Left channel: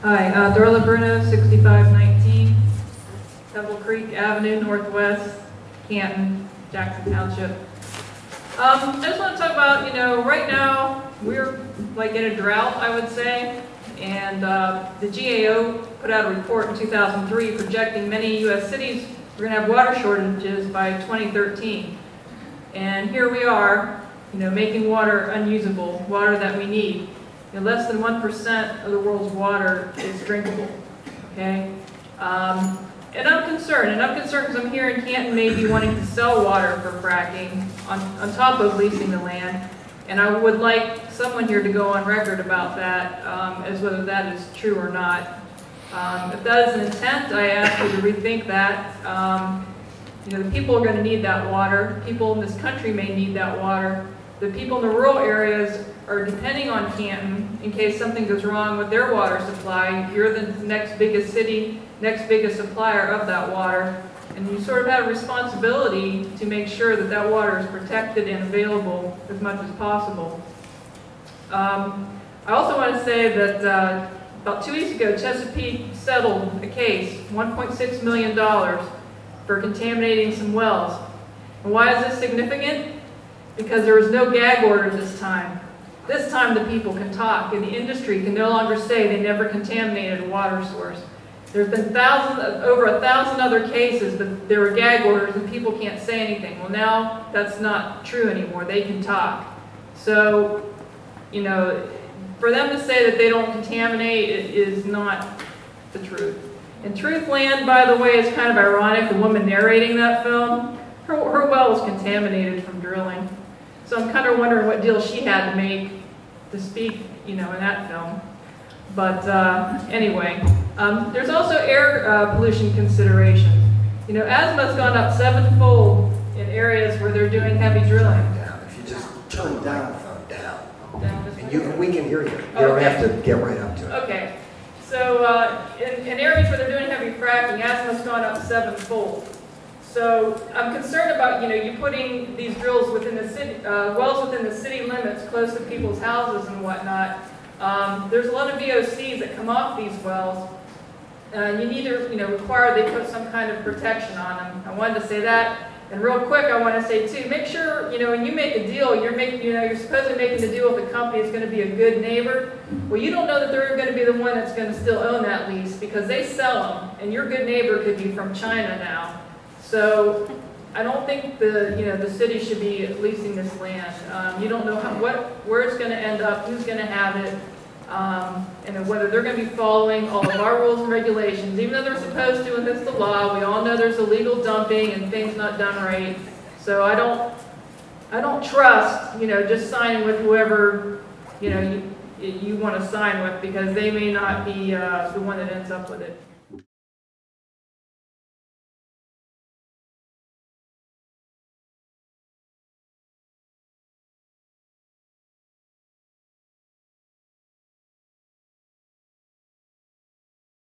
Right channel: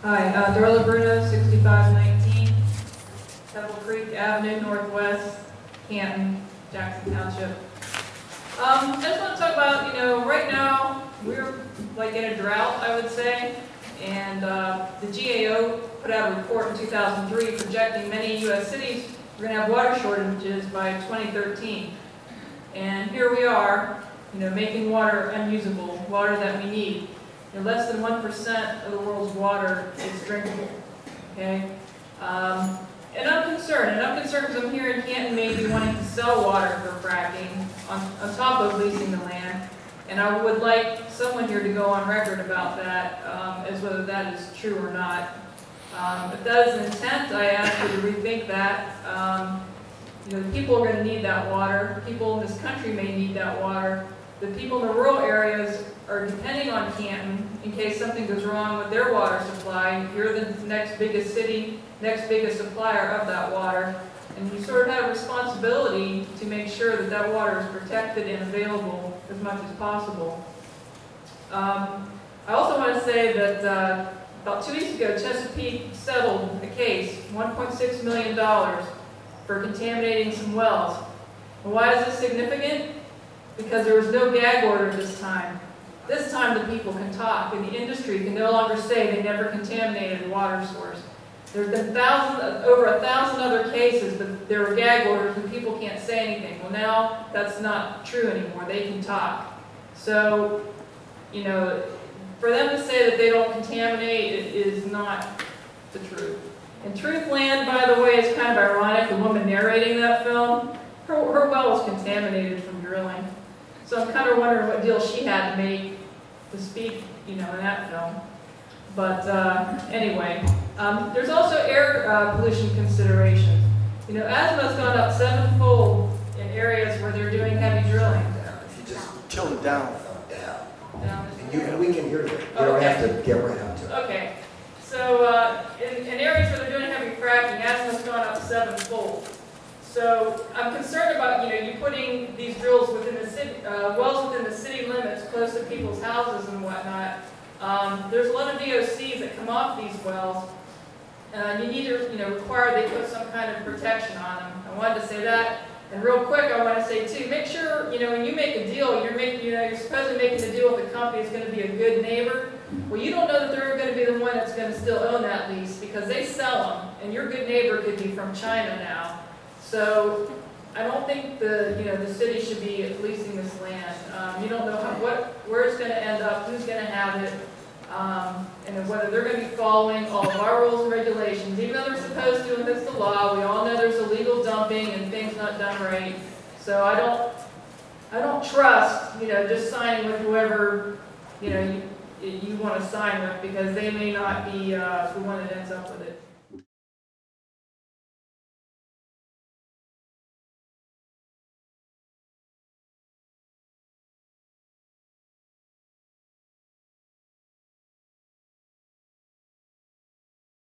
Hi, Darla Bruno, 6519 Pebble Creek Avenue, Northwest, Canton, Jackson Township. I just want to talk about, right now we're like in a drought, I would say, and the GAO put out a report in 2003 projecting many U.S. cities were going to have water shortages by 2013. And here we are, making water unusable, water that we need. Less than 1% of the world's water is drinkable. Okay, and I'm concerned because I'm here in Canton, maybe wanting to sell water for fracking on top of leasing the land, and I would like someone here to go on record about that, as whether that is true or not. If that is an intent, I ask you to rethink that. The people are going to need that water. People in this country may need that water. The people in the rural areas are depending on Canton in case something goes wrong with their water supply. You're the next biggest city, next biggest supplier of that water, and you sort of have a responsibility to make sure that that water is protected and available as much as possible. I also want to say that about 2 weeks ago, Chesapeake settled a case, $1.6 million, for contaminating some wells. And why is this significant? Because there was no gag order this time. This time the people can talk, and the industry can no longer say they never contaminated a water source. There's been over 1,000 other cases, but there were gag orders and people can't say anything. Well, now that's not true anymore. They can talk. So, for them to say that they don't contaminate is not the truth. And Truthland, by the way, is kind of ironic. The woman narrating that film, her well was contaminated from drilling. So I'm kind of wondering what deal she had to make to speak, in that film. But anyway, there's also air pollution considerations. Asthma's gone up 7-fold in areas where they're doing heavy drilling. If you just turn it down. Down. We can hear you. You Okay. don't have to get right up to it. Okay. So in areas where they're doing heavy fracking, asthma's gone up 7-fold. So I'm concerned about, you putting these drills within the city, wells within the city limits, close to people's houses and whatnot. There's a lot of VOCs that come off these wells. You need to, require they put some kind of protection on them. I wanted to say that. And real quick, I want to say too, make sure, when you make a deal, you're supposed to be making a deal with a company that's going to be a good neighbor. Well, you don't know that they're going to be the one that's going to still own that lease because they sell them, and your good neighbor could be from China now. So I don't think the city should be leasing this land. You don't know where it's going to end up, who's going to have it, and whether they're going to be following all of our rules and regulations. Even though they're supposed to, and that's the law, we all know there's illegal dumping and things not done right. So I don't trust just signing with whoever you want to sign with, because they may not be the one that ends up with it.